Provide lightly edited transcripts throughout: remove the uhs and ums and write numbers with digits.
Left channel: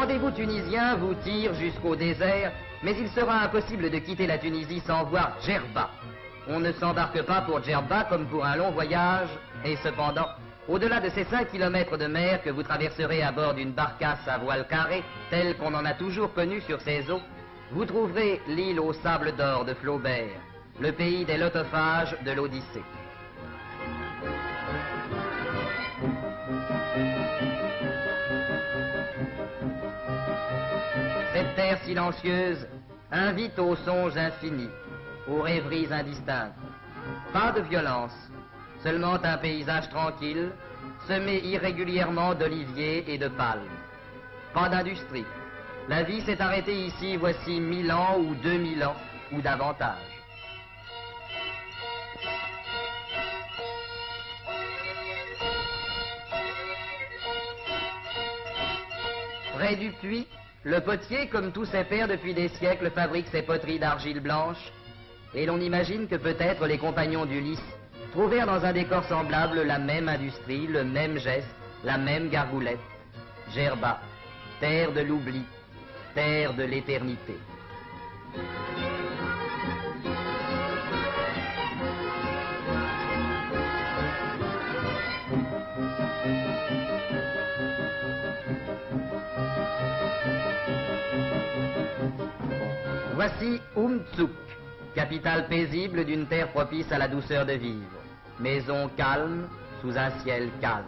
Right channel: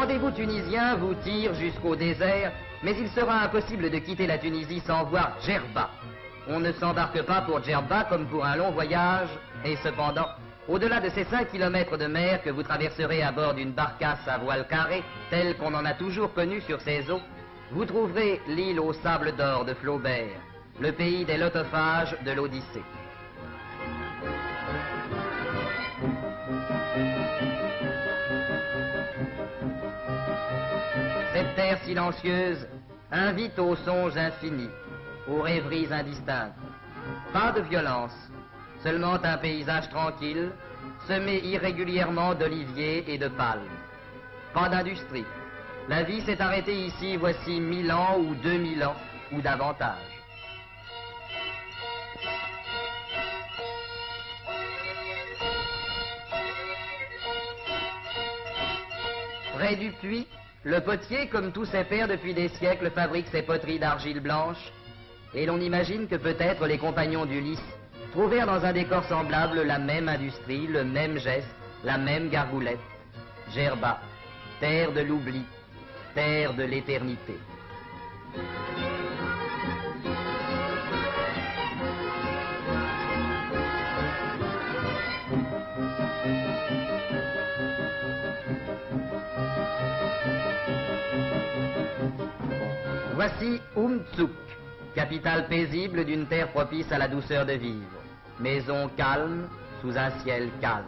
rendez-vous tunisien vous tire jusqu'au désert, mais il sera impossible de quitter la Tunisie sans voir Djerba. On ne s'embarque pas pour Djerba comme pour un long voyage, et cependant, au-delà de ces 5 kilomètres de mer que vous traverserez à bord d'une barcasse à voile carré, telle qu'on en a toujours connue sur ces eaux, vous trouverez l'île aux sables d'or de Flaubert, le pays des lotophages de l'Odyssée. Cette terre silencieuse invite aux songes infinis, aux rêveries indistinctes. Pas de violence, seulement un paysage tranquille, semé irrégulièrement d'oliviers et de palmes. Pas d'industrie. La vie s'est arrêtée ici voici 1000 ans ou 2000 ans, ou davantage. Près du puits, le potier, comme tous ses pairs depuis des siècles, fabrique ses poteries d'argile blanche, et l'on imagine que peut-être les compagnons d'Ulysse trouvèrent dans un décor semblable la même industrie, le même geste, la même gargoulette. Djerba, terre de l'oubli, terre de l'éternité. Voici Umtsuk, capitale paisible d'une terre propice à la douceur de vivre. Maison calme, sous un ciel calme.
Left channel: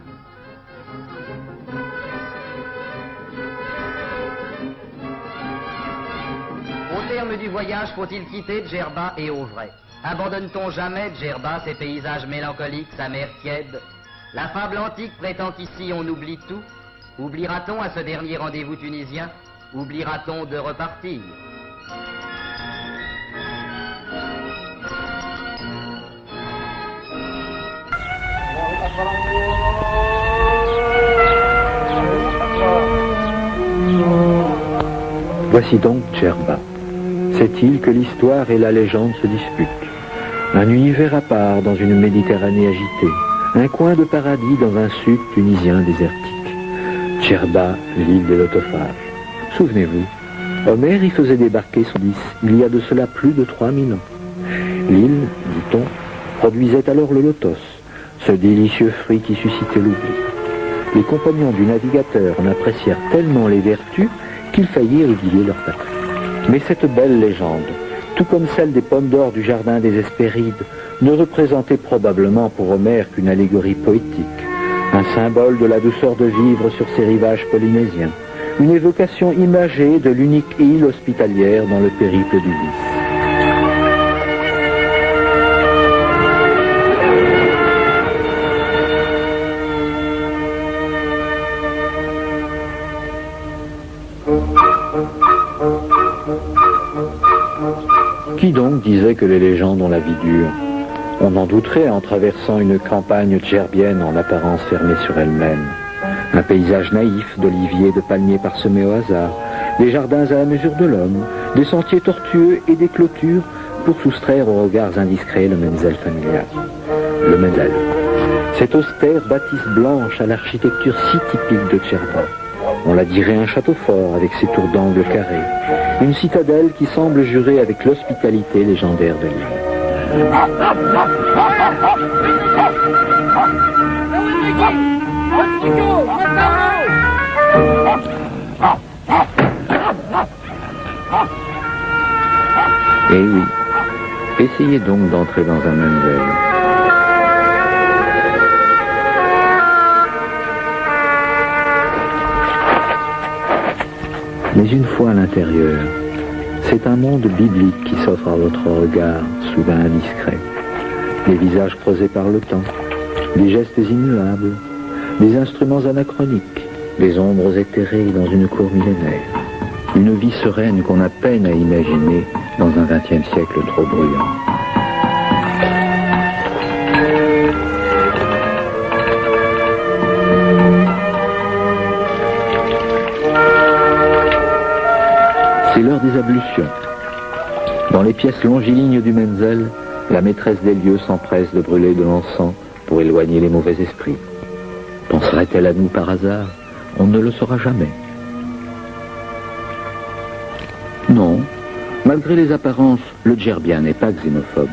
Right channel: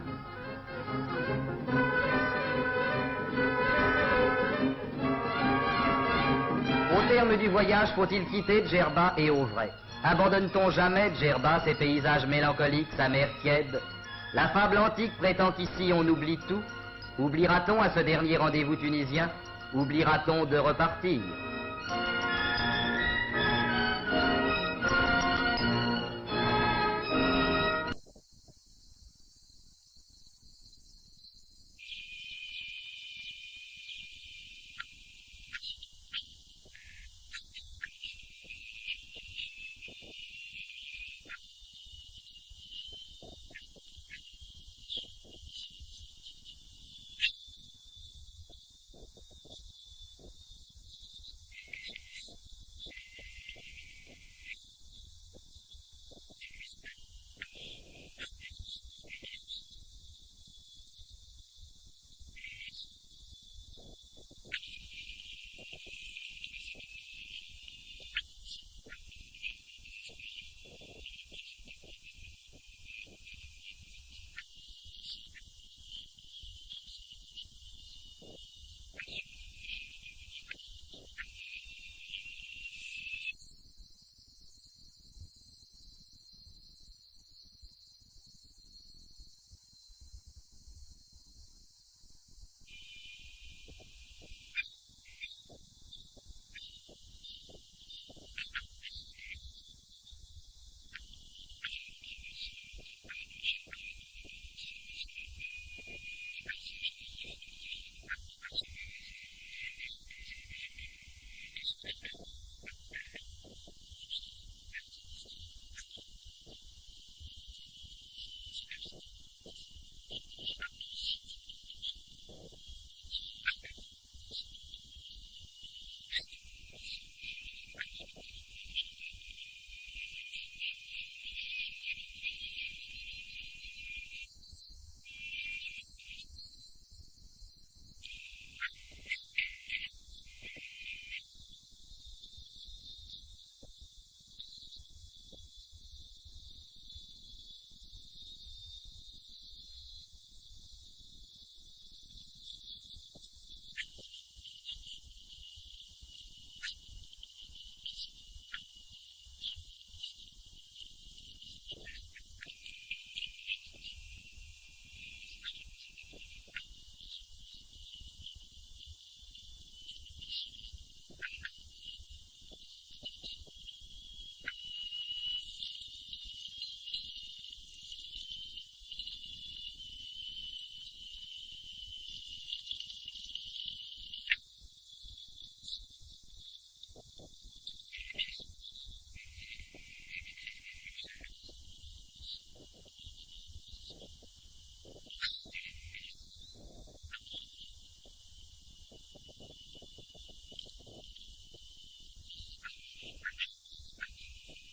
Au terme du voyage, faut-il quitter Djerba et Auvray? Abandonne-t-on jamais Djerba, ses paysages mélancoliques, sa mer tiède? La fable antique prétend qu'ici on oublie tout. Oubliera-t-on à ce dernier rendez-vous tunisien? Oubliera-t-on de repartir? Voici donc Djerba, cette île que l'histoire et la légende se disputent. Un univers à part dans une Méditerranée agitée, un coin de paradis dans un sud tunisien désertique. Djerba, l'île des lotophages. Souvenez-vous, Homère y faisait débarquer son Ulysse il y a de cela plus de 3000 ans. L'île, dit-on, produisait alors le lotos, ce délicieux fruit qui suscitait l'oubli. Les compagnons du navigateur en apprécièrent tellement les vertus qu'ils faillirent oublier leur patrie. Mais cette belle légende, tout comme celle des pommes d'or du jardin des Hespérides, ne représentait probablement pour Homère qu'une allégorie poétique, un symbole de la douceur de vivre sur ces rivages polynésiens, une évocation imagée de l'unique île hospitalière dans le périple d'Ulysse. Qui donc disait que les légendes ont la vie dure? On en douterait en traversant une campagne djerbienne en apparence fermée sur elle-même. Un paysage naïf d'oliviers et de palmiers parsemés au hasard, des jardins à la mesure de l'homme, des sentiers tortueux et des clôtures pour soustraire aux regards indiscrets le Menzel familial. Le Menzel, cette austère bâtisse blanche à l'architecture si typique de Djerba. On la dirait un château fort avec ses tours d'angle carrés, une citadelle qui semble jurer avec l'hospitalité légendaire de l'île. Eh oui, essayez donc d'entrer dans un Menzel. Mais une fois à l'intérieur, c'est un monde biblique qui s'offre à votre regard, soudain indiscret. Des visages creusés par le temps, des gestes immuables, des instruments anachroniques, des ombres éthérées dans une cour millénaire. Une vie sereine qu'on a peine à imaginer dans un XXe siècle trop bruyant. C'est l'heure des ablutions. Dans les pièces longilignes du Menzel, la maîtresse des lieux s'empresse de brûler de l'encens pour éloigner les mauvais esprits. Penserait-elle à nous par hasard? On ne le saura jamais. Non, malgré les apparences, le Djerbia n'est pas xénophobe.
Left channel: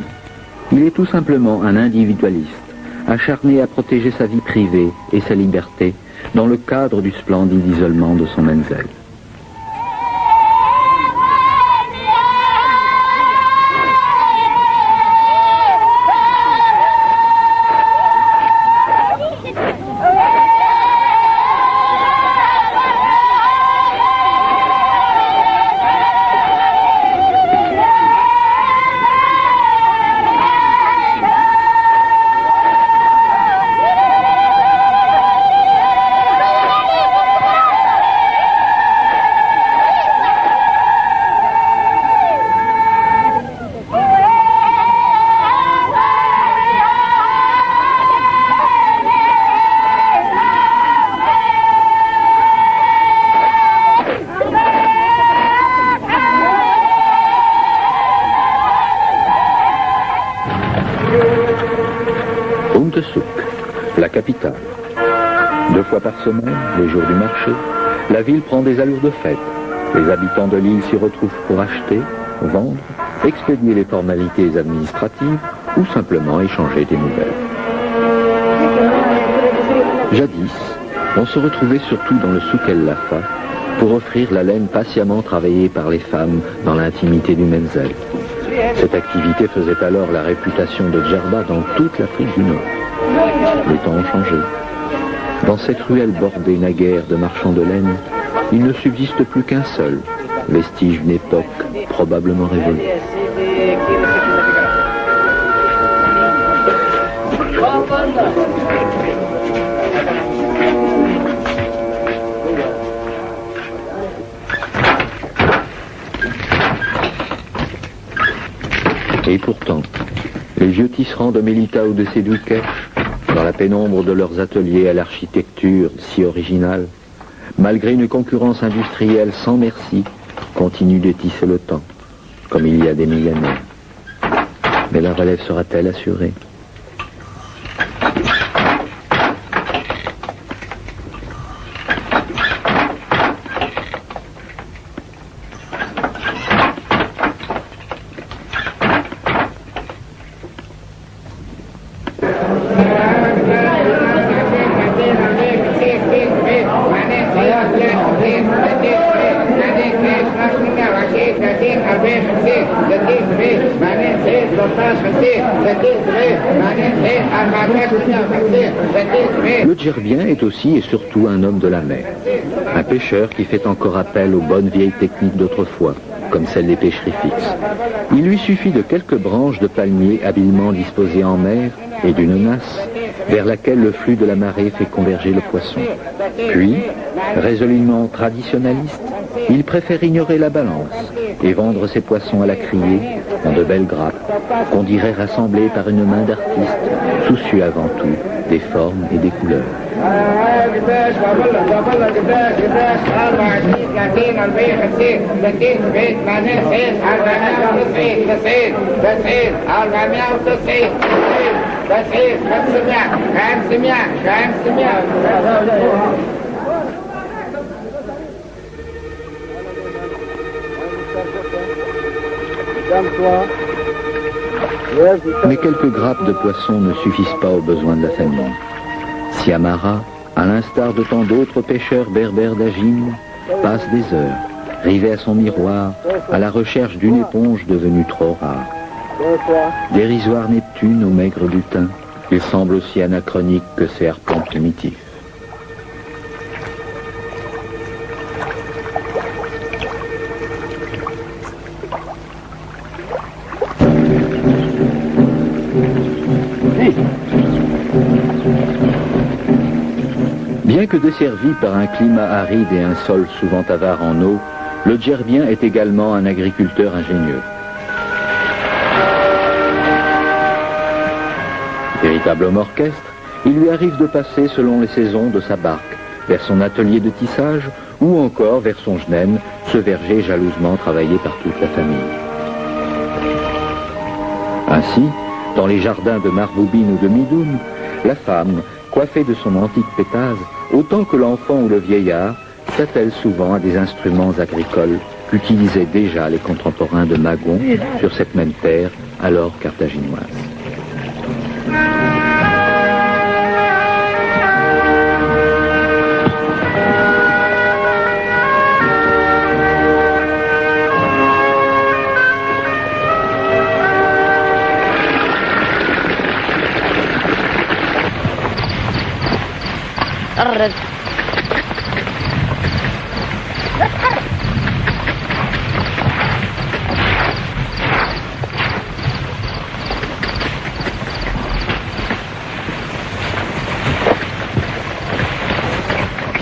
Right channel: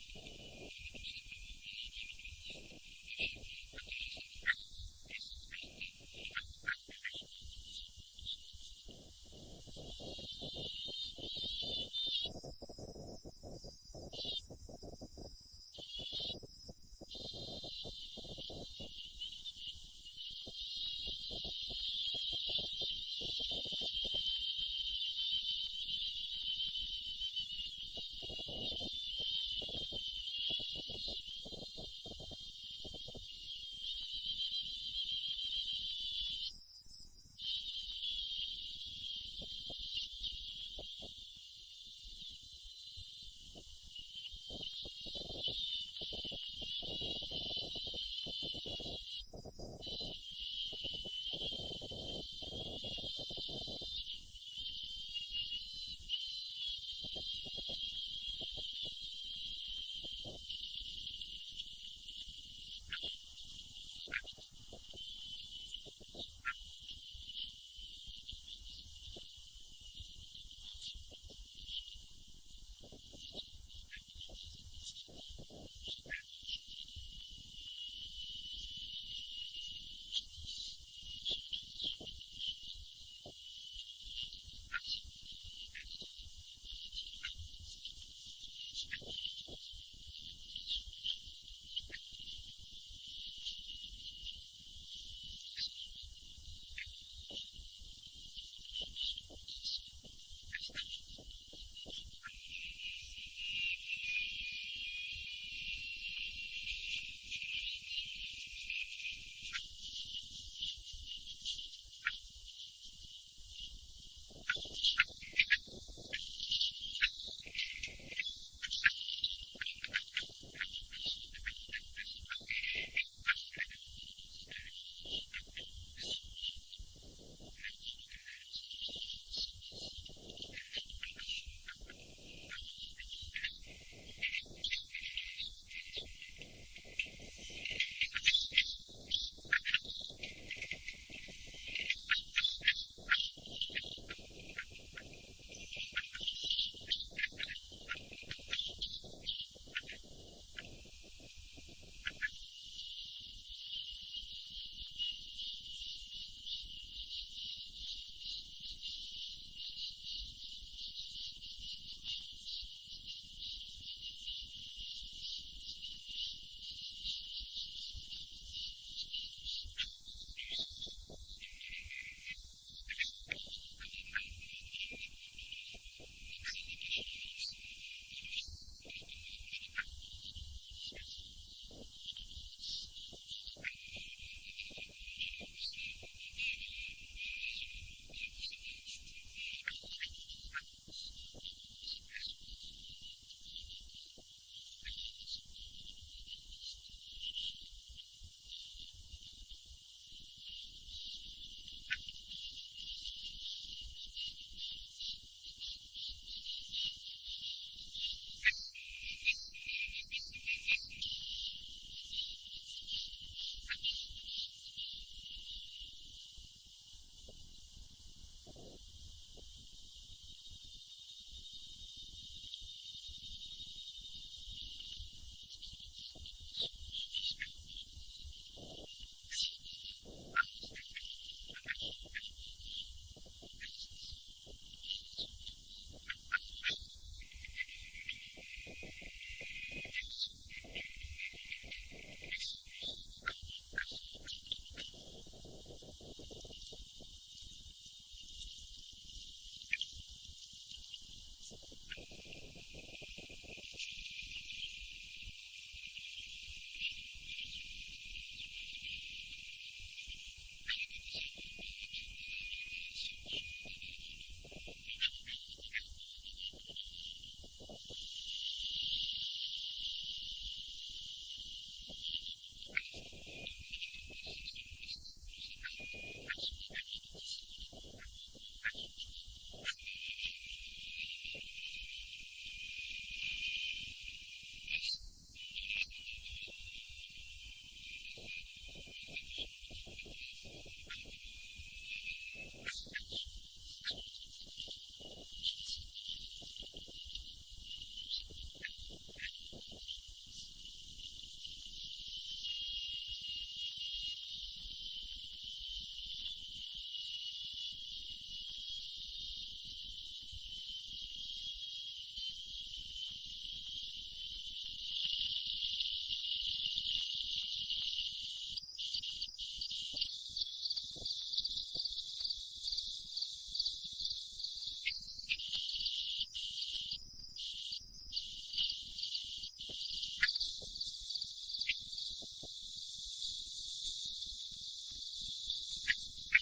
Il est tout simplement un individualiste, acharné à protéger sa vie privée et sa liberté dans le cadre du splendide isolement de son Menzel. La capitale. 2 fois par semaine, les jours du marché, la ville prend des allures de fête. Les habitants de l'île s'y retrouvent pour acheter, vendre, expédier les formalités administratives ou simplement échanger des nouvelles. Jadis, on se retrouvait surtout dans le souk El Lafa pour offrir la laine patiemment travaillée par les femmes dans l'intimité du Menzel. Cette activité faisait alors la réputation de Djerba dans toute l'Afrique du Nord. Les temps ont changé. Dans cette ruelle bordée naguère de marchands de laine, il ne subsiste plus qu'un seul, vestige d'une époque probablement révolue. Et pourtant, les vieux tisserands de Melita ou de Sédoukesh, dans la pénombre de leurs ateliers à l'architecture si originale, malgré une concurrence industrielle sans merci, continuent de tisser le temps, comme il y a des millénaires. Mais la relève sera-t-elle assurée ? Le Djerbien est aussi et surtout un homme de la mer, un pêcheur qui fait encore appel aux bonnes vieilles techniques d'autrefois, comme celle des pêcheries fixes. Il lui suffit de quelques branches de palmier habilement disposées en mer et d'une nasse vers laquelle le flux de la marée fait converger le poisson. Puis, résolument traditionnaliste, il préfère ignorer la balance et vendre ses poissons à la criée en de belles grappes qu'on dirait rassemblées par une main d'artiste, soucieux avant tout des formes et des couleurs. Mais quelques grappes de poissons ne suffisent pas aux besoins de la famille. Siamara, à l'instar de tant d'autres pêcheurs berbères d'Agim, passe des heures, rivé à son miroir, à la recherche d'une éponge devenue trop rare. Dérisoire Neptune au maigre butin, il semble aussi anachronique que ces harpons primitifs. Bien que desservi par un climat aride et un sol souvent avare en eau, le Djerbien est également un agriculteur ingénieux. Véritable homme orchestre, il lui arrive de passer selon les saisons de sa barque, vers son atelier de tissage ou encore vers son jnem, ce verger jalousement travaillé par toute la famille. Ainsi, dans les jardins de Marboubine ou de Midoun, la femme, coiffée de son antique pétase, autant que l'enfant ou le vieillard, s'attelle souvent à des instruments agricoles qu'utilisaient déjà les contemporains de Magon sur cette même terre, alors carthaginoise.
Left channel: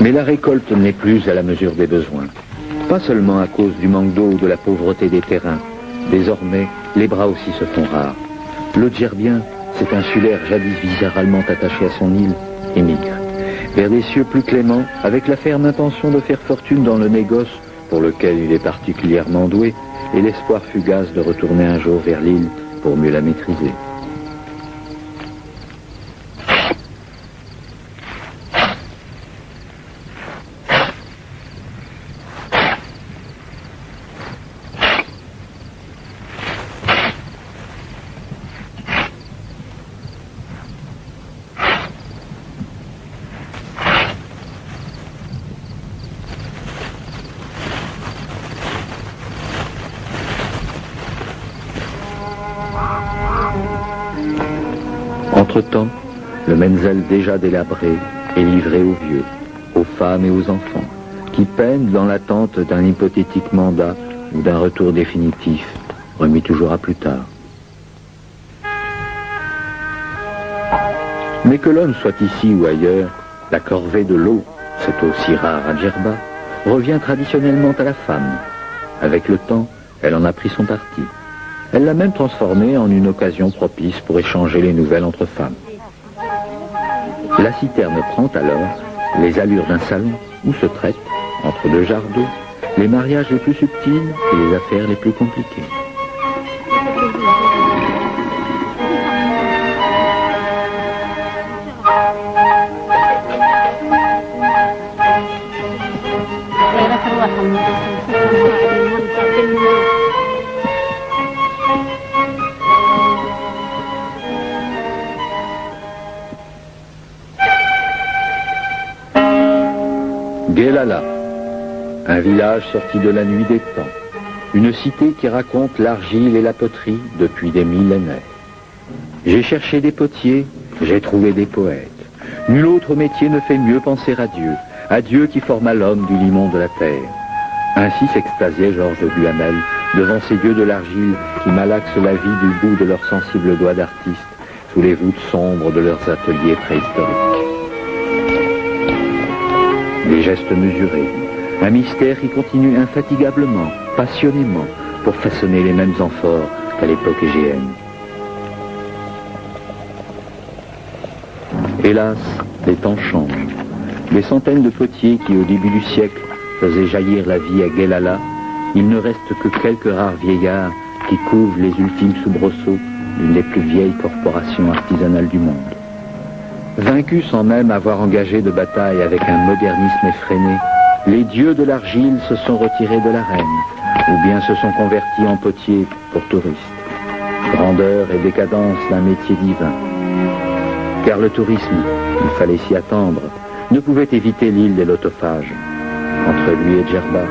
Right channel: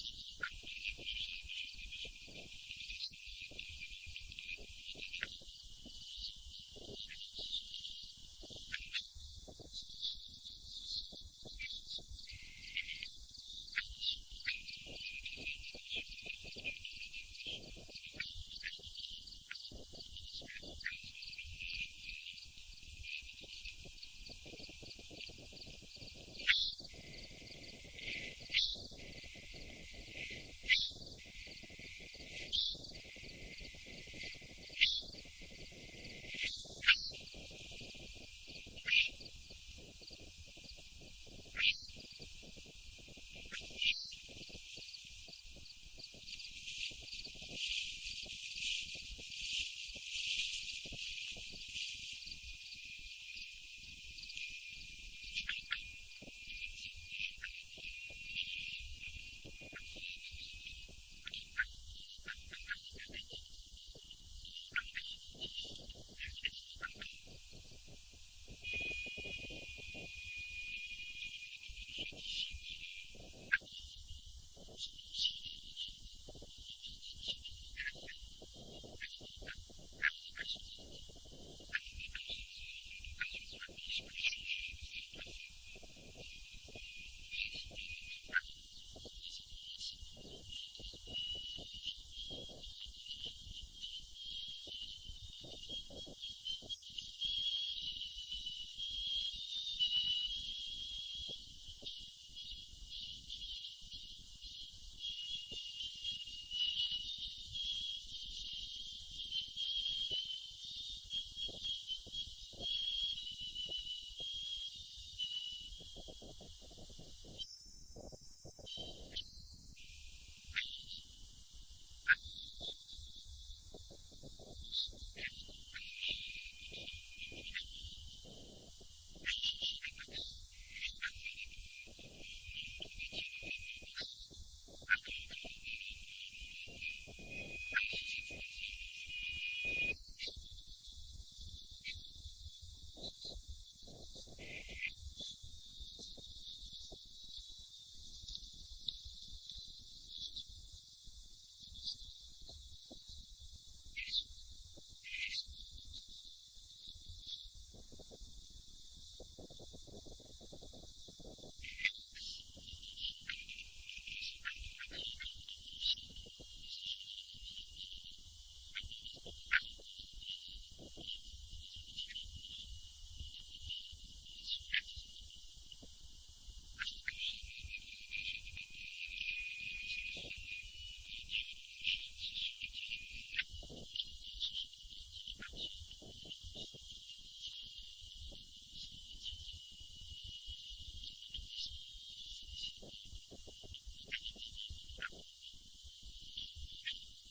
Mais la récolte n'est plus à la mesure des besoins. Pas seulement à cause du manque d'eau ou de la pauvreté des terrains. Désormais, les bras aussi se font rares. Le Djerbien, cet insulaire jadis viscéralement attaché à son île, émigre vers des cieux plus cléments, avec la ferme intention de faire fortune dans le négoce pour lequel il est particulièrement doué, et l'espoir fugace de retourner un jour vers l'île pour mieux la maîtriser. Entre-temps, le Menzel déjà délabré est livré aux vieux, aux femmes et aux enfants, qui peinent dans l'attente d'un hypothétique mandat ou d'un retour définitif, remis toujours à plus tard. Mais que l'homme soit ici ou ailleurs, la corvée de l'eau, cette eau si rare à Djerba, revient traditionnellement à la femme. Avec le temps, elle en a pris son parti. Elle l'a même transformée en une occasion propice pour échanger les nouvelles entre femmes. La citerne prend alors les allures d'un salon où se traitent, entre deux jarres d'eau, les mariages les plus subtils et les affaires les plus compliquées. Guelala, un village sorti de la nuit des temps, une cité qui raconte l'argile et la poterie depuis des millénaires. J'ai cherché des potiers, j'ai trouvé des poètes. Nul autre métier ne fait mieux penser à Dieu qui forma l'homme du limon de la terre. Ainsi s'extasiait Georges de Duhamel devant ces dieux de l'argile qui malaxent la vie du bout de leurs sensibles doigts d'artistes sous les voûtes sombres de leurs ateliers préhistoriques. Des gestes mesurés, un mystère qui continue infatigablement, passionnément, pour façonner les mêmes amphores qu'à l'époque égéenne. Hélas, les temps changent. Des centaines de potiers qui, au début du siècle, faisaient jaillir la vie à Guelala, il ne reste que quelques rares vieillards qui couvrent les ultimes soubresauts d'une des plus vieilles corporations artisanales du monde. Vaincus sans même avoir engagé de bataille avec un modernisme effréné, les dieux de l'argile se sont retirés de l'arène, ou bien se sont convertis en potiers pour touristes. Grandeur et décadence d'un métier divin. Car le tourisme, il fallait s'y attendre, ne pouvait éviter l'île des lotophages. Entre lui et Djerba,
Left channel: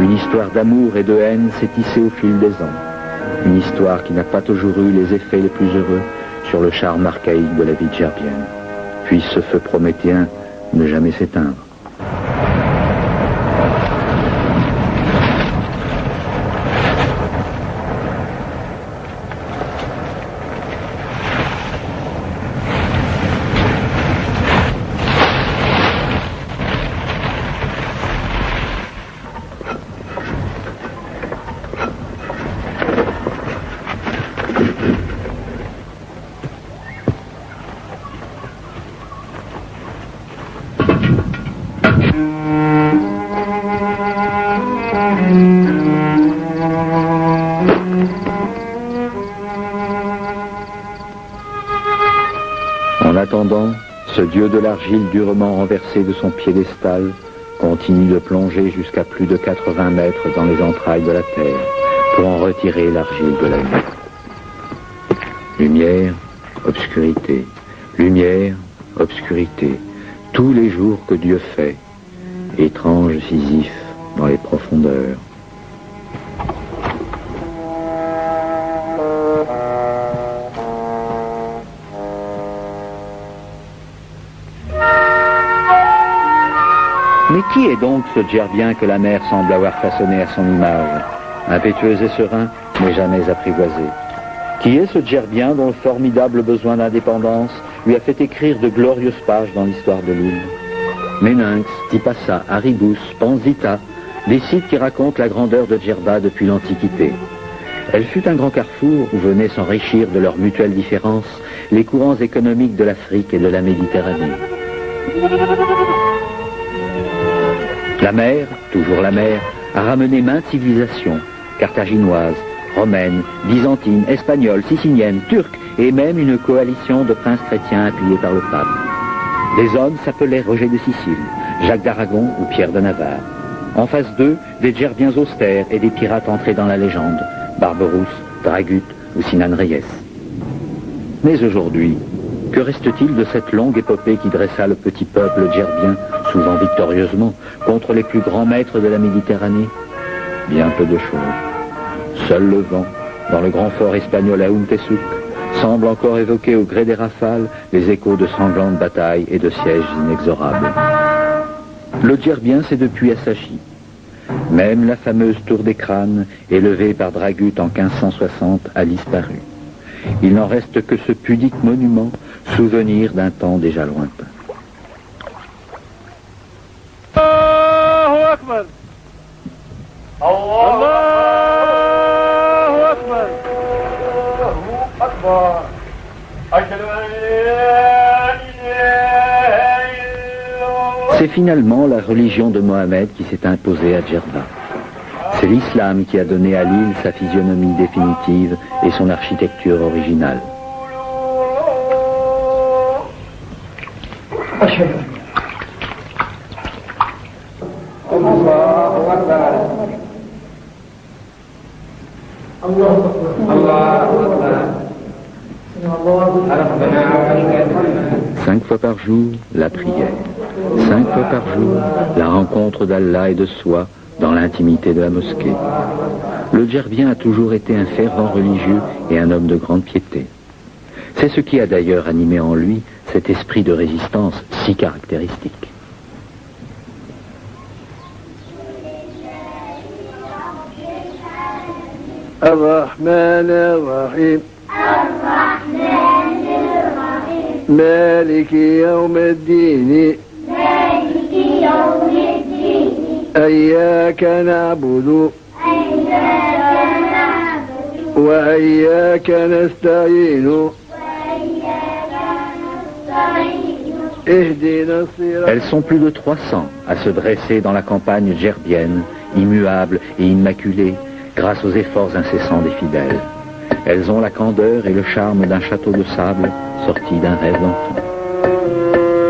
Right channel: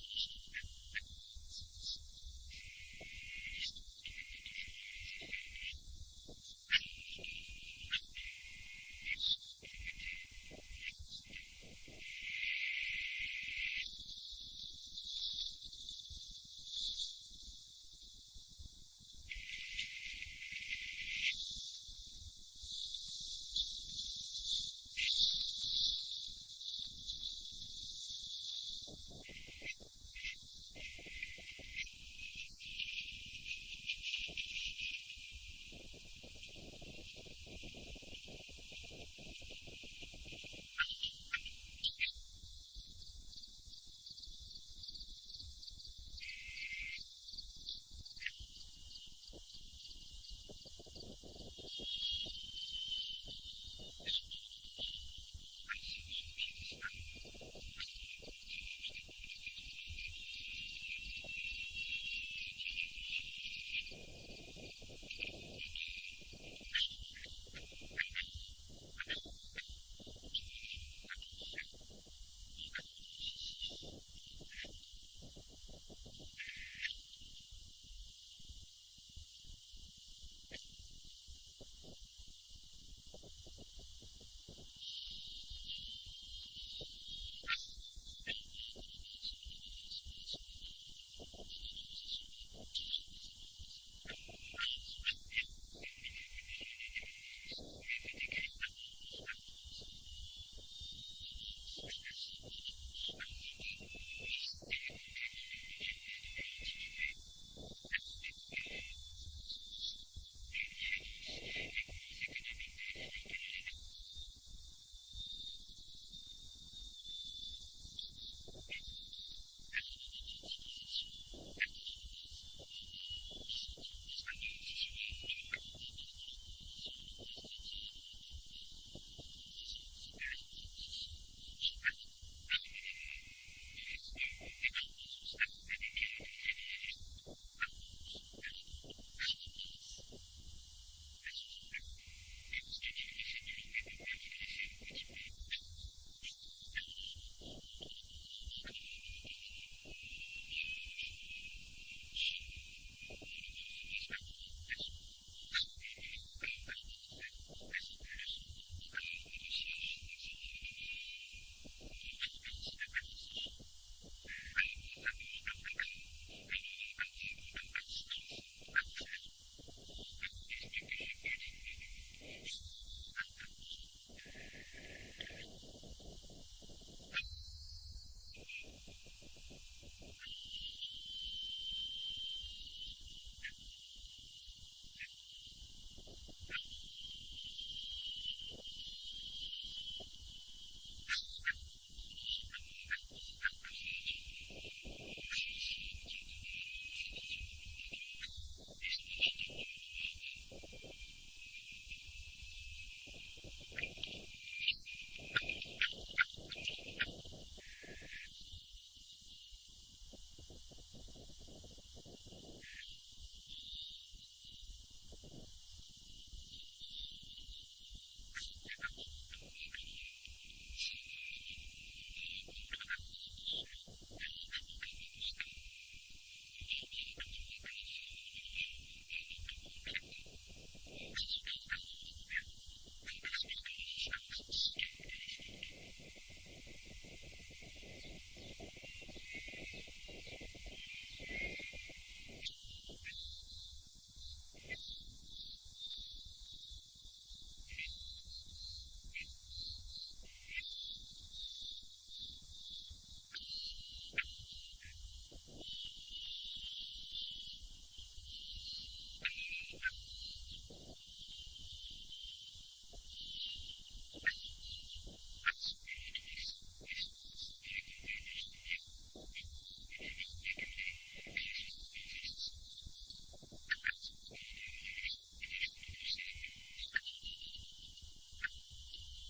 une histoire d'amour et de haine s'est tissée au fil des ans. Une histoire qui n'a pas toujours eu les effets les plus heureux sur le charme archaïque de la vie djerbienne. Puis ce feu prométhéen ne jamais s'éteindre. En attendant, ce dieu de l'argile durement renversé de son piédestal continue de plonger jusqu'à plus de 80 mètres dans les entrailles de la Terre pour en retirer l'argile de la nuit. Lumière, obscurité, lumière, obscurité, tous les jours que Dieu fait, étrange Sisyphe dans les profondeurs. Mais qui est donc ce Djerbien que la mer semble avoir façonné à son image, impétueux et serein, mais jamais apprivoisé? Qui est ce Djerbien dont le formidable besoin d'indépendance lui a fait écrire de glorieuses pages dans l'histoire de l'île? Méninx, Tipasa, Aribus, Panzita, des sites qui racontent la grandeur de Djerba depuis l'Antiquité. Elle fut un grand carrefour où venaient s'enrichir de leurs mutuelles différences les courants économiques de l'Afrique et de la Méditerranée. La mer, toujours la mer, a ramené maintes civilisations, carthaginoises, romaines, byzantines, espagnoles, siciliennes, turques et même une coalition de princes chrétiens appuyés par le pape. Des hommes s'appelaient Roger de Sicile, Jacques d'Aragon ou Pierre de Navarre. En face d'eux, des Djerbiens austères et des pirates entrés dans la légende, Barberousse, Dragut ou Sinan Reyes. Mais aujourd'hui, que reste-t-il de cette longue épopée qui dressa le petit peuple djerbien, souvent victorieusement, contre les plus grands maîtres de la Méditerranée? Bien peu de choses. Seul le vent, dans le grand fort espagnol à Untesuk, semble encore évoquer au gré des rafales les échos de sanglantes batailles et de sièges inexorables. Le Djerbien s'est depuis assagi. Même la fameuse tour des crânes, élevée par Dragut en 1560, a disparu. Il n'en reste que ce pudique monument, souvenir d'un temps déjà lointain. Allahu Akbar. Allahu Akbar. Allahu Akbar. Ashhadu an la ilaha illallah. C'est finalement la religion de Mohammed qui s'est imposée à Djerba. C'est l'islam qui a donné à l'île sa physionomie définitive et son architecture originale. Cinq fois par jour, la prière. 5 fois par jour, la rencontre d'Allah et de soi dans l'intimité de la mosquée. Le Djerbien a toujours été un fervent religieux et un homme de grande piété. C'est ce qui a d'ailleurs animé en lui cet esprit de résistance si caractéristique. الرحمن الرحيم مالك يوم الدين إياك نعبد وإياك نستعين اهدنا الصراط. Elles sont plus de 300 à se dresser dans la campagne djerbienne, immuables et immaculées, grâce aux efforts incessants des fidèles. Elles ont la candeur et le charme d'un château de sable sorti d'un rêve d'enfant.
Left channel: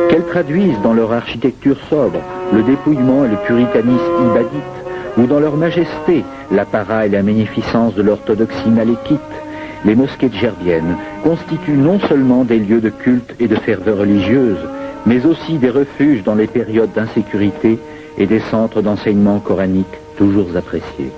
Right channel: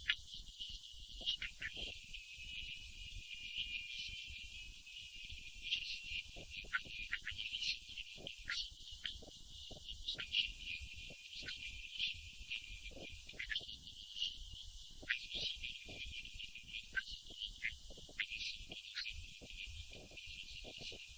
Qu'elles traduisent dans leur architecture sobre le dépouillement et le puritanisme ibadite, ou dans leur majesté l'apparat et la magnificence de l'orthodoxie malékite, les mosquées djerbiennes constituent non seulement des lieux de culte et de ferveur religieuse, mais aussi des refuges dans les périodes d'insécurité et des centres d'enseignement coranique toujours appréciés.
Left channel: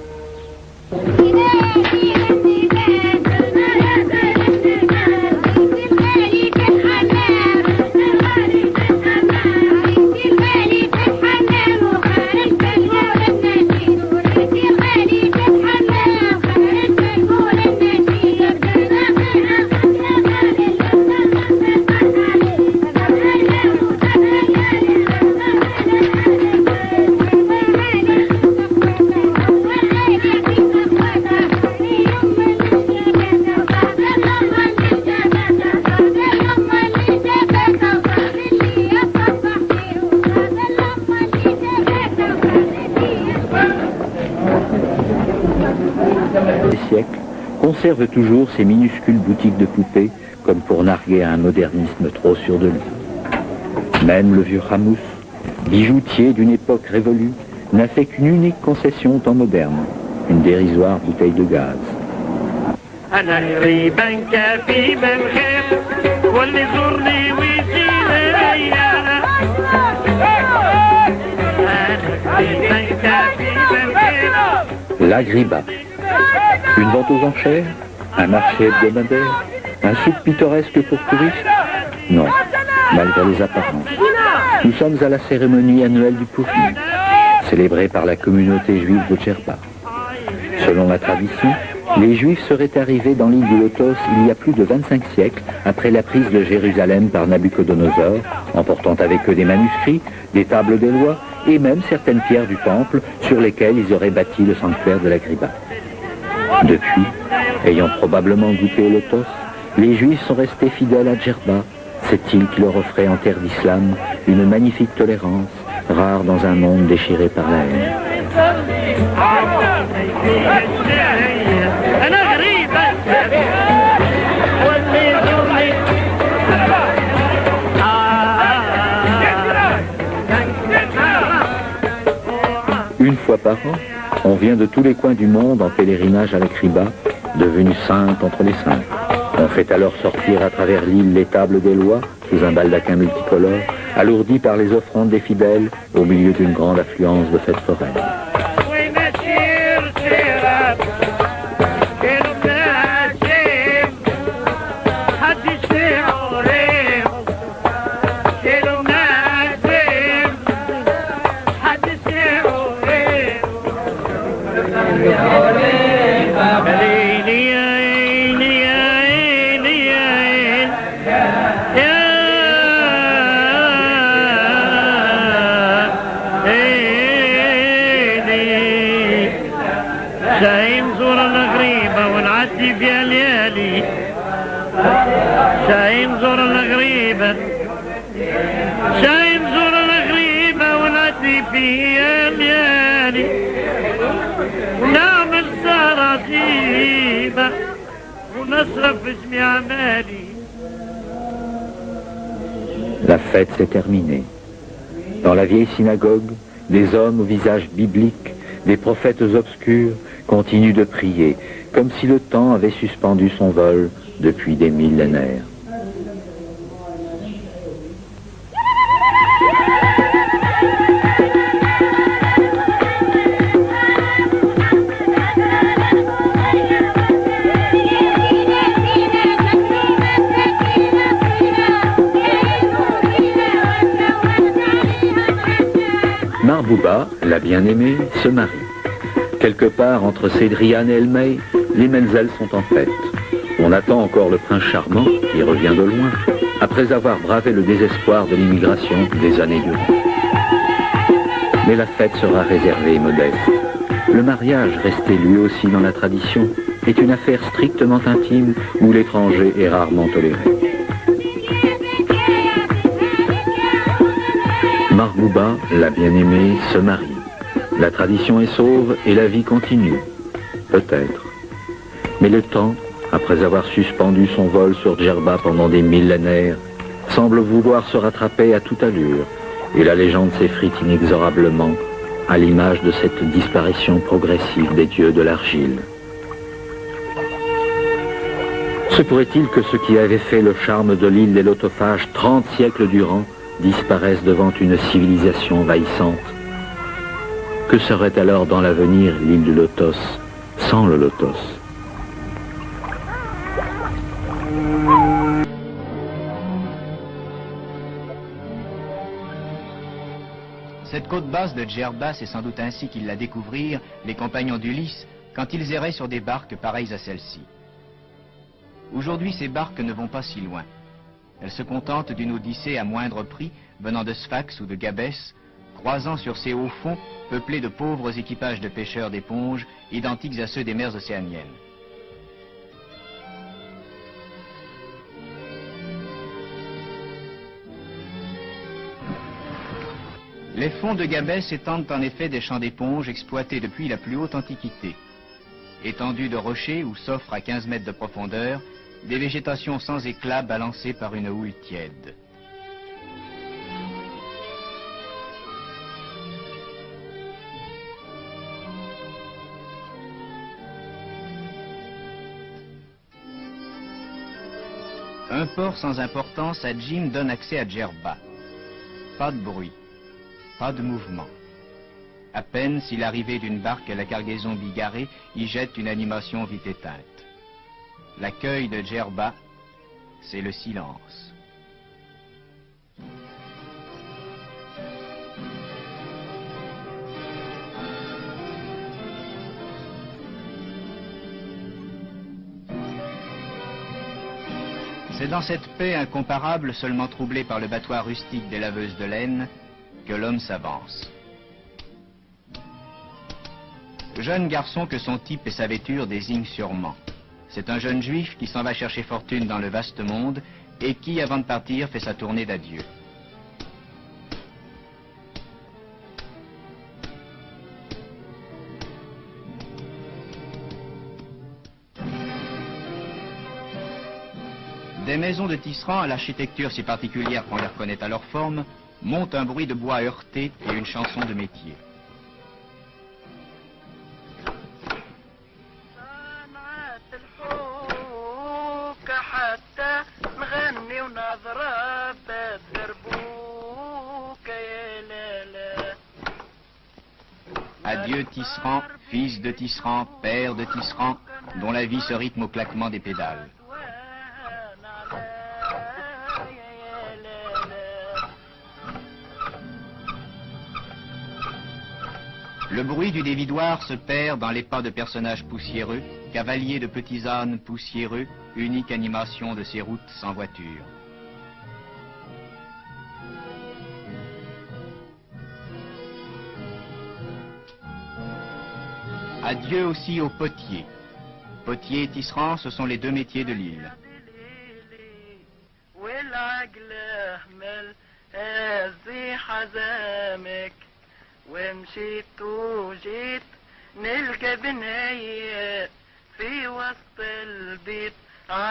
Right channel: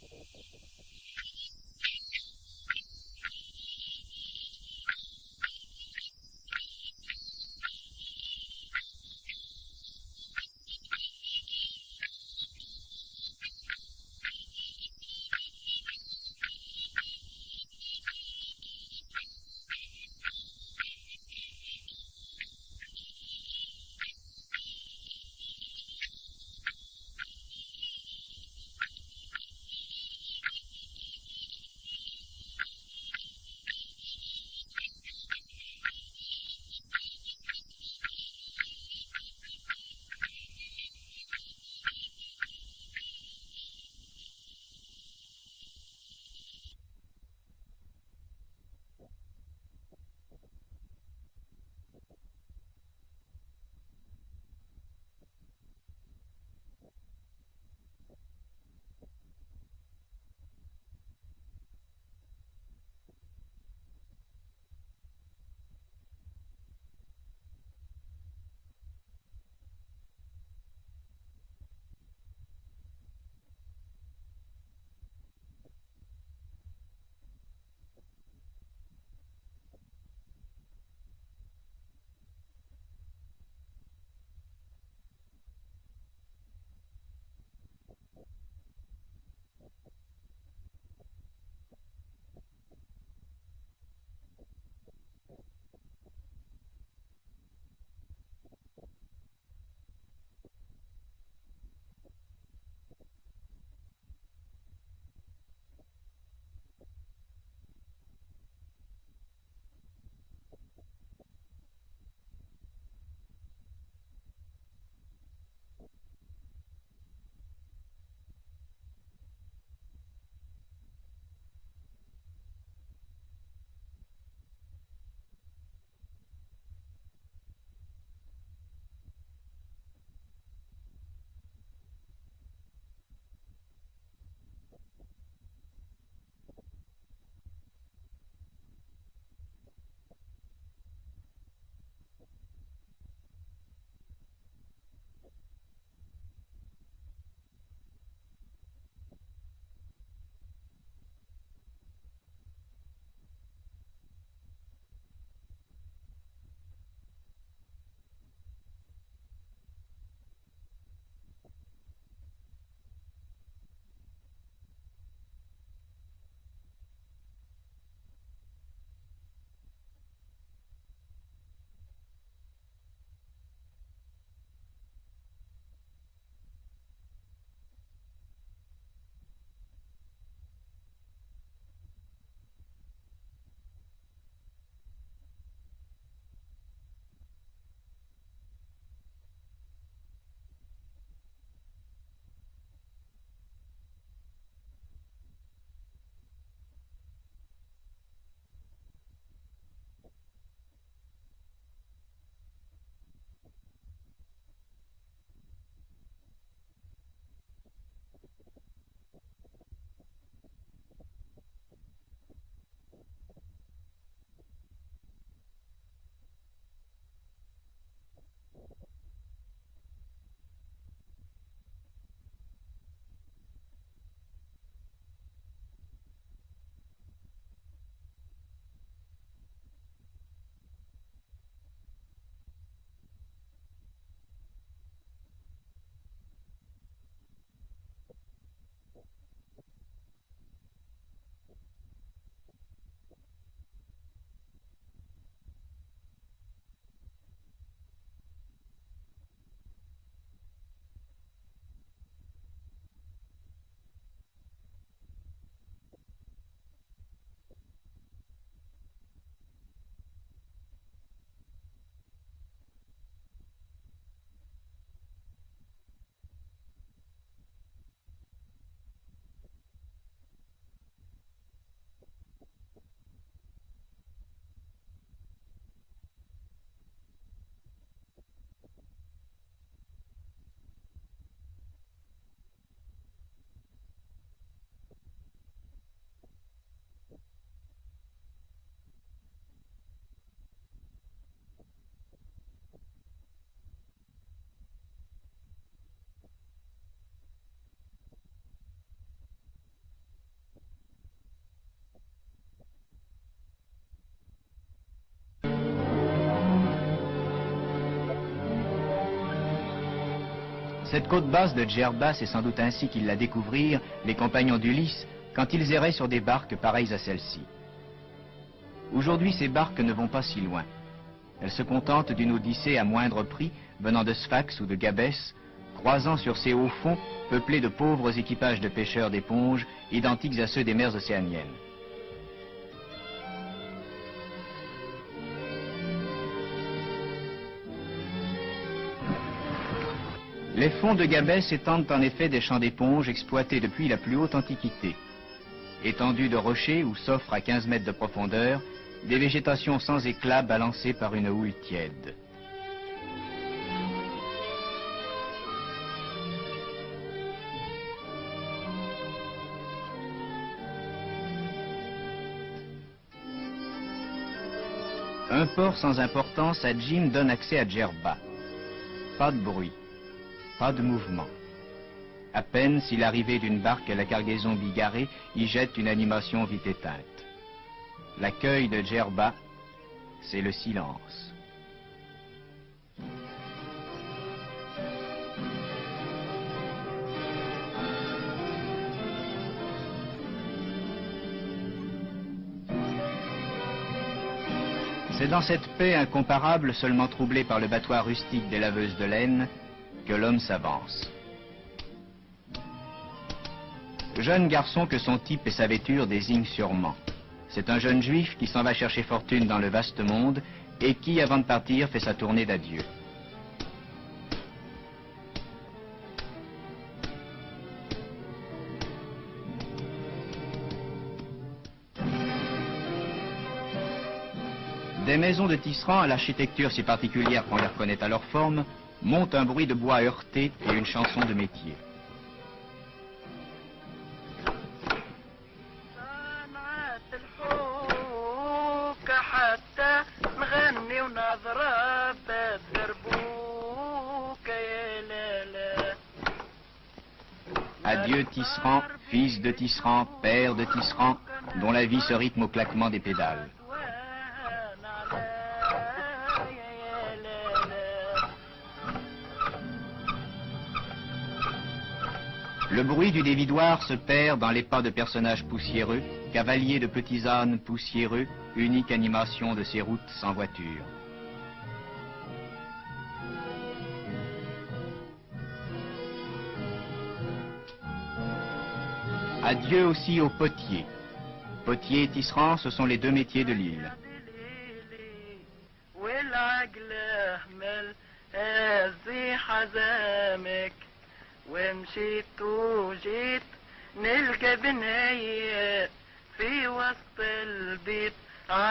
Conserve toujours ces minuscules boutiques de poupées, comme pour narguer à un modernisme trop sûr de lui. Même le vieux Hamous, bijoutier d'une époque révolue, n'a fait qu'une unique concession au temps moderne, une dérisoire bouteille de gaz. L'Agriba. Une vente aux enchères? Un marché hebdomadaire? Un souk pittoresque pour touristes? Non, malgré les apparences. Nous sommes à la cérémonie annuelle du Purim, célébrée par la communauté juive de Djerba. Selon la tradition, les Juifs seraient arrivés dans l'île du Lotos il y a plus de 25 siècles après la prise de Jérusalem par Nabuchodonosor, emportant avec eux des manuscrits, des tables des lois et même certaines pierres du temple sur lesquelles ils auraient bâti le sanctuaire de l'Agriba. Depuis, ayant probablement goûté au Lotos, les Juifs sont restés fidèles à Djerba, cette île qui leur offrait en terre d'islam une magnifique tolérance, rare dans un monde déchiré par la haine. Une fois par an, on vient de tous les coins du monde en pèlerinage à l'Agriba, devenue sainte entre les saints. On fait alors sortir à travers l'île les tables des lois, sous un baldaquin multicolore, alourdi par les offrandes des fidèles, au milieu d'une grande affluence de fêtes foraines. La fête s'est terminée. Dans la vieille synagogue, des hommes au visage biblique, des prophètes obscurs, continuent de prier, comme si le temps avait suspendu son vol depuis des millénaires. Marbouba, la bien-aimée, se marie. Quelque part entre Cédriane et Elmey, les Menzel sont en fête. On attend encore le prince charmant, qui revient de loin, après avoir bravé le désespoir de l'immigration des années durant. Mais la fête sera réservée et modeste. Le mariage, resté lui aussi dans la tradition, est une affaire strictement intime où l'étranger est rarement toléré. Marbouba, la bien-aimée, se marie. La tradition est sauve et la vie continue. Peut-être. Mais le temps, après avoir suspendu son vol sur Djerba pendant des millénaires, semble vouloir se rattraper à toute allure, et la légende s'effrite inexorablement à l'image de cette disparition progressive des dieux de l'argile. Se pourrait-il que ce qui avait fait le charme de l'île des Lotophages 30 siècles durant disparaissent devant une civilisation envahissante? Que serait alors dans l'avenir l'île du Lotos sans le Lotos? Cette côte basse de Djerba, c'est sans doute ainsi qu'ils la découvrirent, les compagnons d'Ulysse, quand ils erraient sur des barques pareilles à celle-ci. Aujourd'hui, ces barques ne vont pas si loin. Elles se contentent d'une odyssée à moindre prix, venant de Sphax ou de Gabès, croisant sur ces hauts fonds peuplés de pauvres équipages de pêcheurs d'éponges, identiques à ceux des mers océaniennes. Les fonds de Gabès étendent en effet des champs d'éponges exploités depuis la plus haute antiquité. Étendus de rochers où s'offrent à 15 mètres de profondeur des végétations sans éclat balancées par une houle tiède. Un port sans importance à Jim donne accès à Djerba. Pas de bruit, pas de mouvement. À peine si l'arrivée d'une barque à la cargaison bigarrée y jette une animation vite éteinte. L'accueil de Djerba, c'est le silence. C'est dans cette paix incomparable, seulement troublée par le battoir rustique des laveuses de laine, que l'homme s'avance. Jeune garçon que son type et sa vêture désignent sûrement. C'est un jeune juif qui s'en va chercher fortune dans le vaste monde et qui, avant de partir, fait sa tournée d'adieu. Des maisons de tisserands à l'architecture si particulière qu'on les reconnaît à leur forme, monte un bruit de bois heurté et une chanson de métier. Adieu tisserand, fils de tisserand, père de tisserand, dont la vie se rythme au claquement des pédales. Le bruit du dévidoir se perd dans les pas de personnages poussiéreux, cavaliers de petits ânes poussiéreux, unique animation de ces routes sans voiture. Adieu aussi aux potiers. Potiers et tisserands, ce sont les deux métiers de l'île.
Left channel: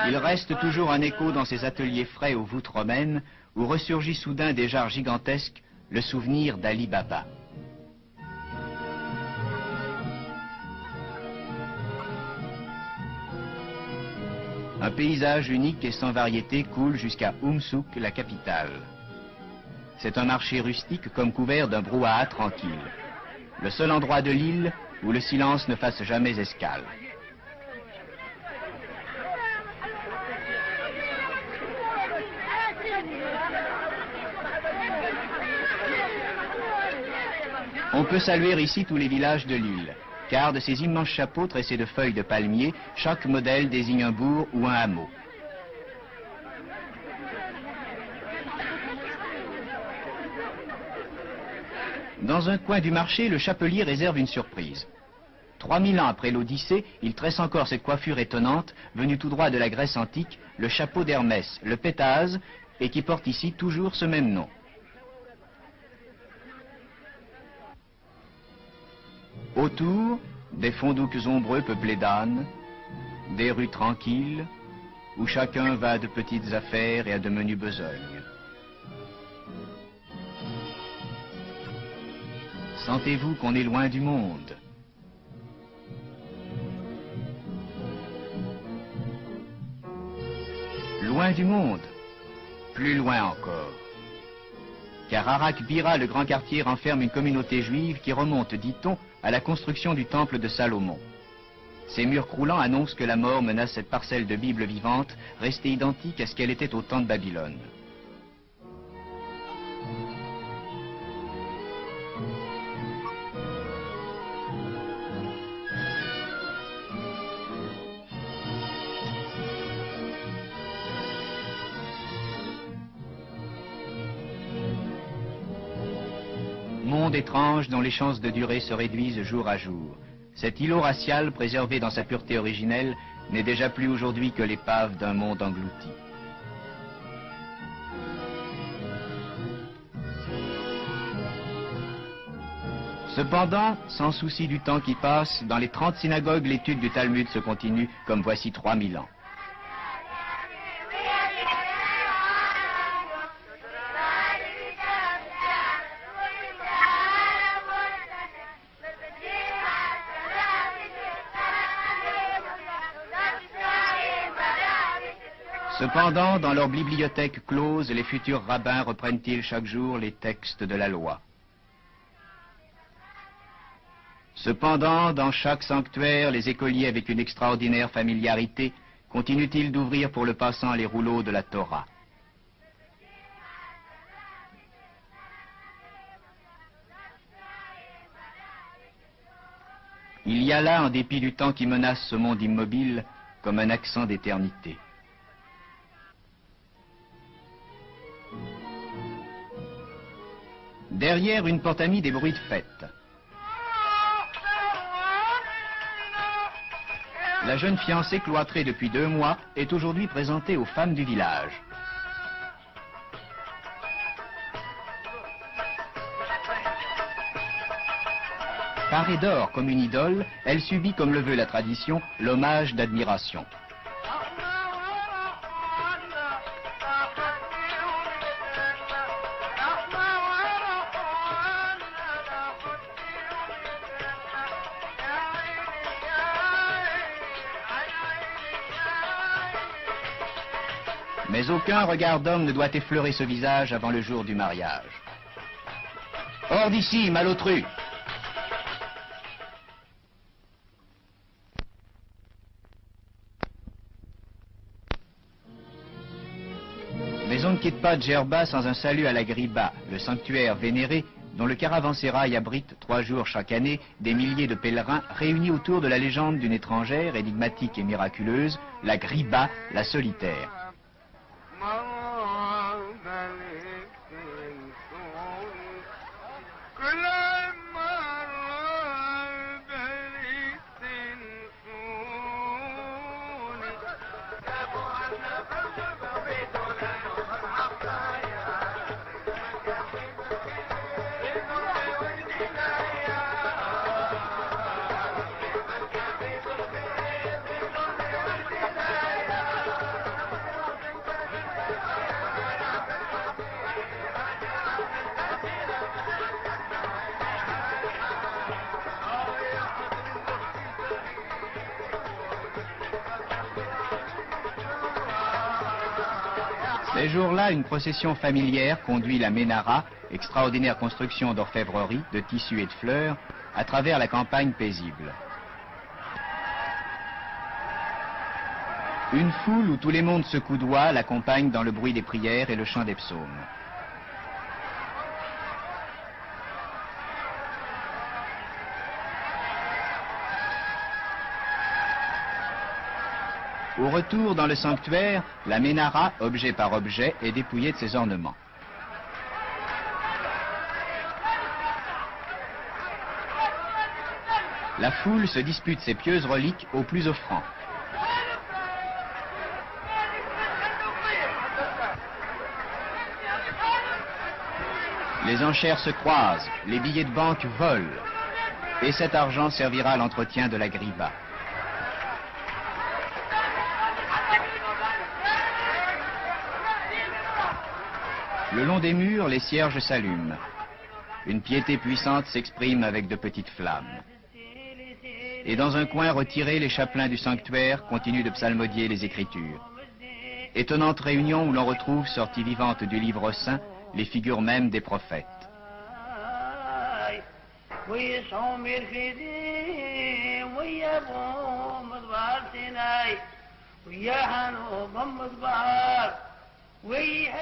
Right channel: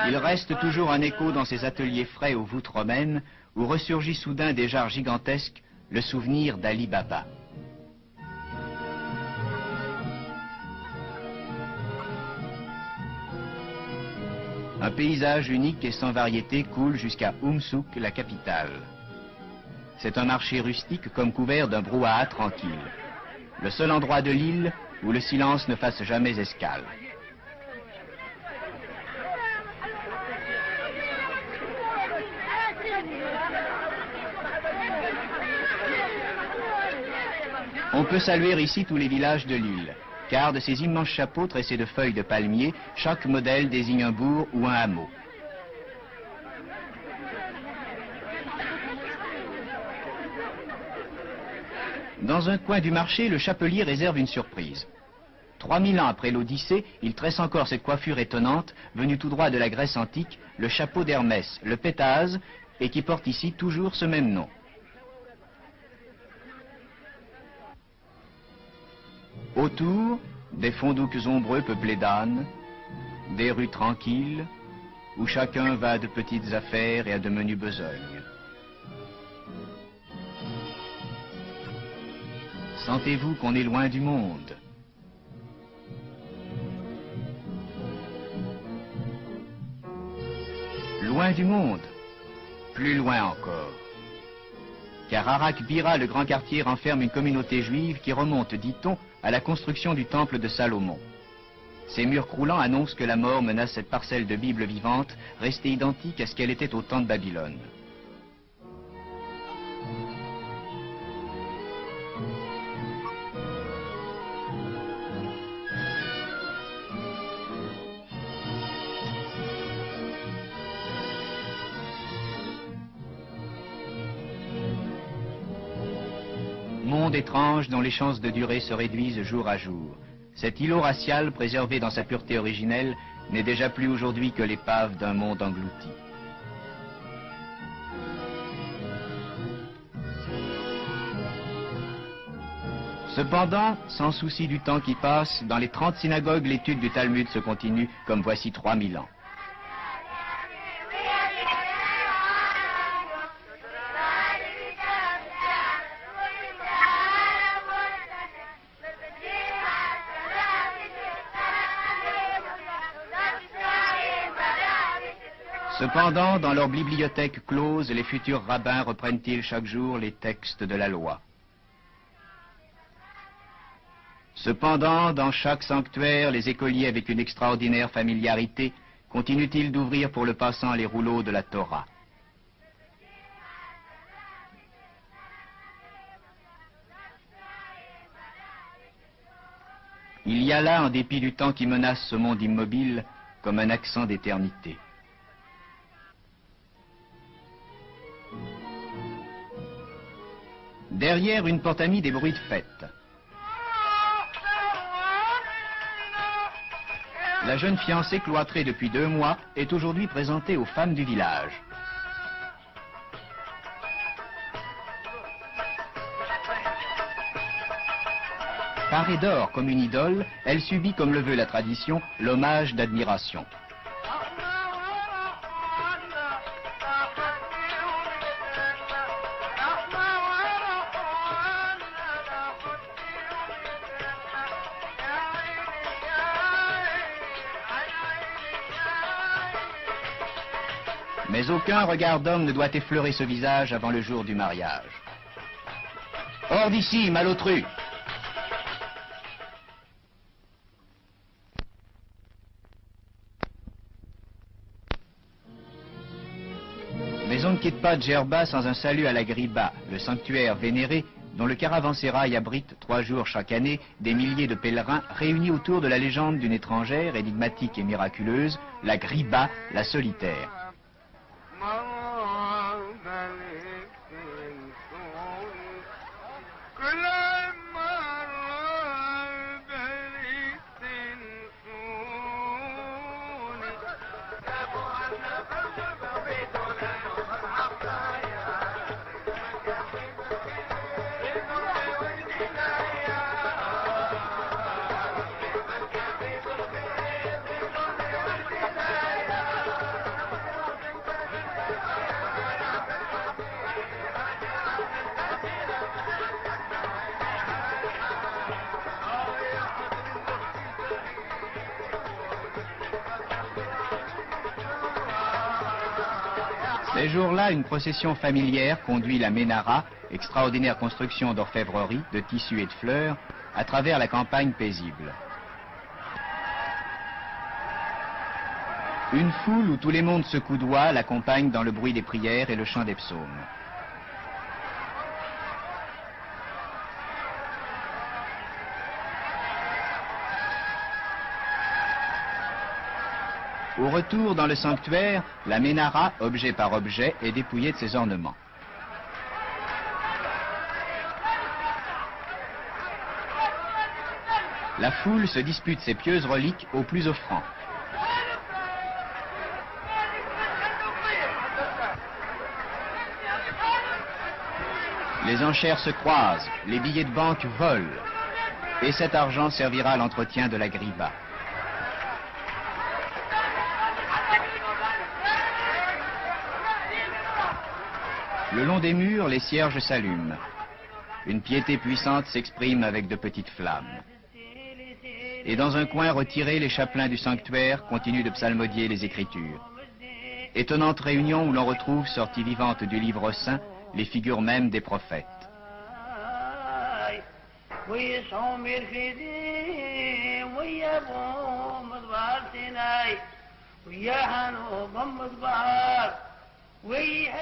Il reste toujours un écho dans ces ateliers frais aux voûtes romaines où ressurgit soudain des jarres gigantesques le souvenir d'Ali Baba. Un paysage unique et sans variété coule jusqu'à Oumsouk, la capitale. C'est un marché rustique comme couvert d'un brouhaha tranquille. Le seul endroit de l'île où le silence ne fasse jamais escale. On peut saluer ici tous les villages de l'île, car de ces immenses chapeaux tressés de feuilles de palmier, chaque modèle désigne un bourg ou un hameau. Dans un coin du marché, le chapelier réserve une surprise. 3000 ans après l'Odyssée, il tresse encore cette coiffure étonnante, venue tout droit de la Grèce antique, le chapeau d'Hermès, le pétase, et qui porte ici toujours ce même nom. Autour, des fondoucs ombreux peuplés d'ânes, des rues tranquilles, où chacun va à de petites affaires et à de menues besognes. Sentez-vous qu'on est loin du monde? Loin du monde, plus loin encore. Car Arak Bira, le grand quartier, renferme une communauté juive qui remonte, dit-on, à la construction du temple de Salomon. Ces murs croulants annoncent que la mort menace cette parcelle de Bible vivante, restée identique à ce qu'elle était au temps de Babylone. Monde étrange dont les chances de durée se réduisent jour à jour. Cet îlot racial, préservé dans sa pureté originelle, n'est déjà plus aujourd'hui que l'épave d'un monde englouti. Cependant, sans souci du temps qui passe, dans les 30 synagogues, l'étude du Talmud se continue comme voici 3000 ans. Cependant, dans leur bibliothèque close, les futurs rabbins reprennent-ils chaque jour les textes de la loi. Cependant, dans chaque sanctuaire, les écoliers avec une extraordinaire familiarité continuent-ils d'ouvrir pour le passant les rouleaux de la Torah. Il y a là, en dépit du temps qui menace ce monde immobile, comme un accent d'éternité. Derrière une porte amie, des bruits de fête. La jeune fiancée cloîtrée depuis 2 mois est aujourd'hui présentée aux femmes du village. Parée d'or comme une idole, elle subit, comme le veut la tradition, l'hommage d'admiration. Mais aucun regard d'homme ne doit effleurer ce visage avant le jour du mariage. Hors d'ici, malotru! Mais on ne quitte pas Djerba sans un salut à la Griba, le sanctuaire vénéré dont le caravansérail abrite 3 jours chaque année des milliers de pèlerins réunis autour de la légende d'une étrangère énigmatique et miraculeuse, la Griba, la solitaire. Ces jours-là, une procession familière conduit la Ménara, extraordinaire construction d'orfèvrerie, de tissus et de fleurs, à travers la campagne paisible. Une foule où tous les mondes se coudoient l'accompagne dans le bruit des prières et le chant des psaumes. Au retour dans le sanctuaire, la Ménara, objet par objet, est dépouillée de ses ornements. La foule se dispute ses pieuses reliques aux plus offrants. Les enchères se croisent, les billets de banque volent, et cet argent servira à l'entretien de la Griba. Le long des murs, les cierges s'allument. Une piété puissante s'exprime avec de petites flammes. Et dans un coin retiré, les chapelains du sanctuaire continuent de psalmodier les Écritures. Étonnante réunion où l'on retrouve, sorties vivantes du livre saint, les figures mêmes des prophètes.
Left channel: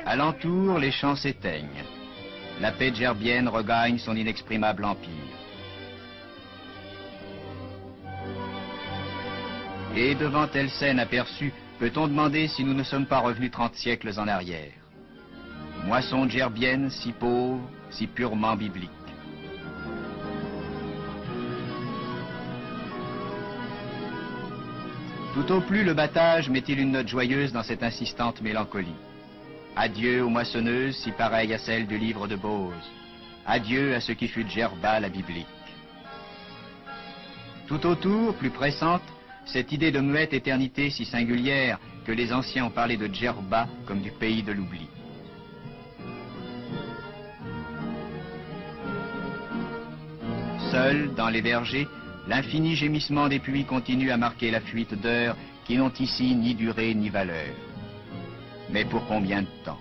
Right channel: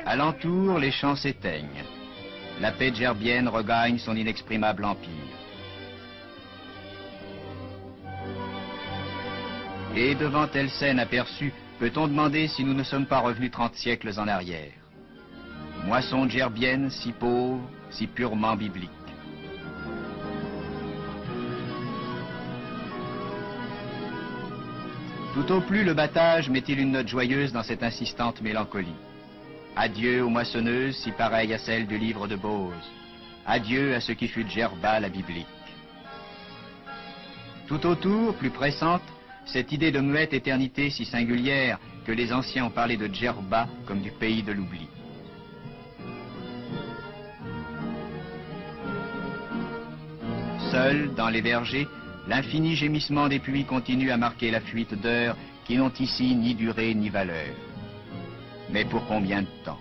Alentour, les chants s'éteignent. La paix djerbienne regagne son inexprimable empire. Et devant telle scène aperçue, peut-on demander si nous ne sommes pas revenus 30 siècles en arrière? Moisson djerbienne si pauvre, si purement biblique. Tout au plus le battage met-il une note joyeuse dans cette insistante mélancolie. Adieu aux moissonneuses si pareilles à celles du livre de Bose. Adieu à ce qui fut Djerba la biblique. Tout autour, plus pressante, cette idée de muette éternité si singulière que les anciens ont parlé de Djerba comme du pays de l'oubli. Seul, dans les vergers, l'infini gémissement des pluies continue à marquer la fuite d'heures qui n'ont ici ni durée ni valeur. Mais pour combien de temps?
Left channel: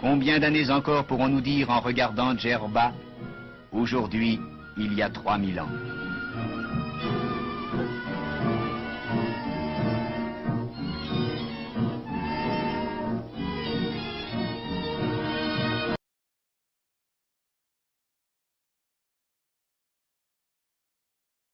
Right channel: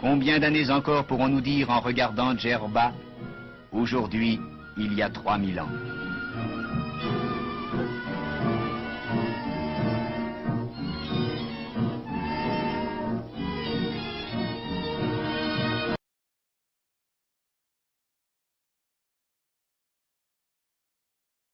Combien d'années encore pourrons-nous dire en regardant Djerba? Aujourd'hui, il y a 3000 ans.